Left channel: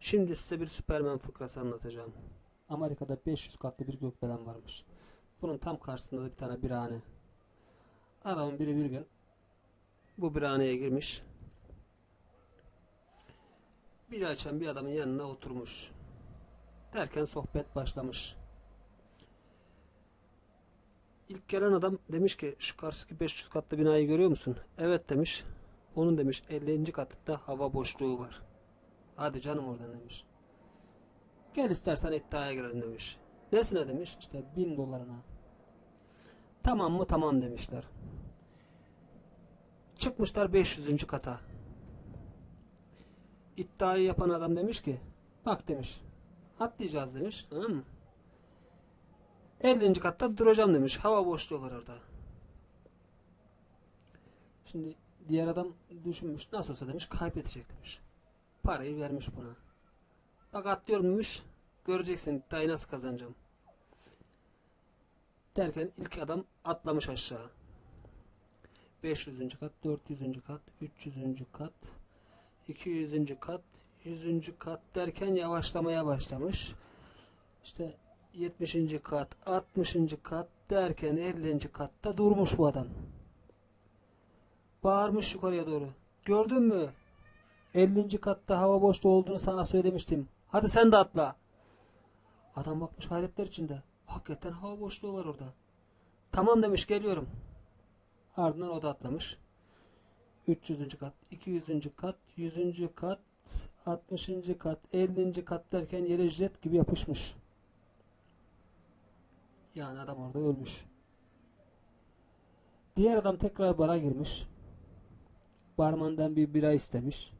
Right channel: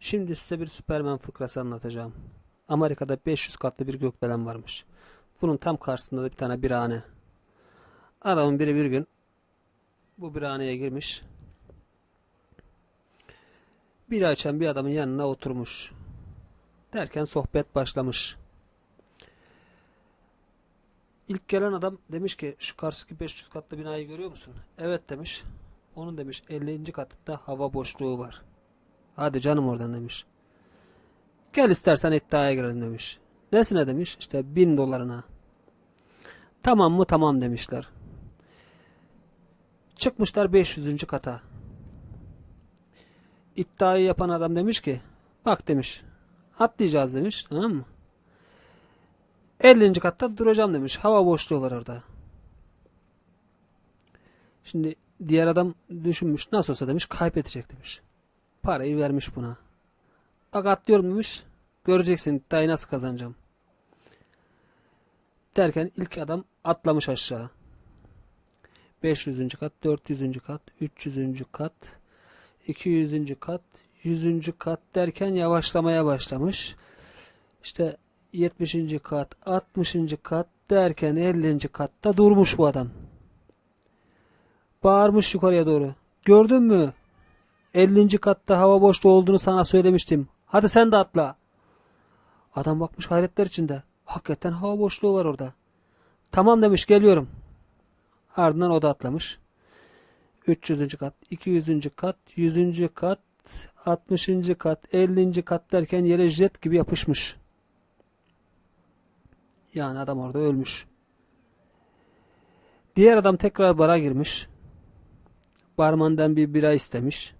Şimdi size bir Süpermen fıkrası anlatacağım. Amerika'da 500 katlı bir gökdelen varmış. Bunun tam karşısında da bir tane birahane. Adamın biri bir gün bu birhaneye girmiş. Bir açan bir adamın yanına oturmuş. Derken sohbet başlamış. İlk gelen adam demiş ki şu karşıdaki 500 katlı binayı görüyor musun? Evet demiş. Onun demiş 50. katında hava boşluğu var. Hadi canım oradan demiş. Gel istersen iddiaya girelim demiş. Nesine demiş? İşte bin dolarına. Tamam mı? Tamam demişler. Çıkmışlar 500. kata. İddiayı yapan adam demiş ki bak demiş atlayacağız demiş tamam mı? 50. katta duracağım demiş. Hava boşluğu var orada. Şimdi diğer adam düşünmüş. Nasıl olsa demiş kaybedecek demiş. Parayı vermiş buna. Bak atlıyorum demiş. Göreceksin iddiayı nasıl kazanacağım. Derken ilk adam atlamış aşağı. 500. kat, 400. kat, 300. kat, 200. kat, 100. kat derken yavaşlamaya başlamış. İşte 70. kat, 60. kat derken 50. katta durmuş bu adam. Bağırmış yukarıya doğru. Gördün mü? 50. katta hava boşluğu olduğunu sana söylemiştim. Hadi sen de atla. Adam bakmış hayretler içinde. Hakikaten hava boşluğu var orada. Tamam demiş geliyorum. Ardından o da atlamış. 300. kat, 200. kat, 100. kat, 60. kat, 50. kat derken yere jet gibi yapışmış. Yani adam orada ölmüş. Diğer adam tekrar bara girmiş. Barmandan bir bira istemiş.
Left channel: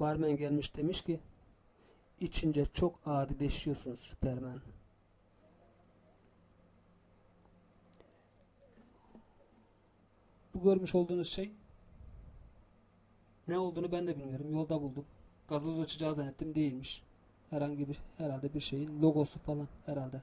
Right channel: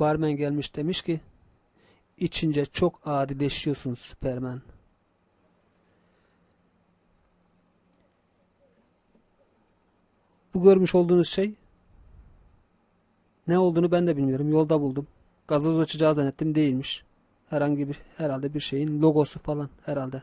Barmen gelmiş demiş ki içince çok adileşiyorsun Süpermen. Bu görmüş olduğunuz şey ne olduğunu ben de bilmiyorum. Yolda buldum. Gazoz açacağı zannettim değilmiş. Herhangi bir herhalde bir şeyin logosu falan herhalde.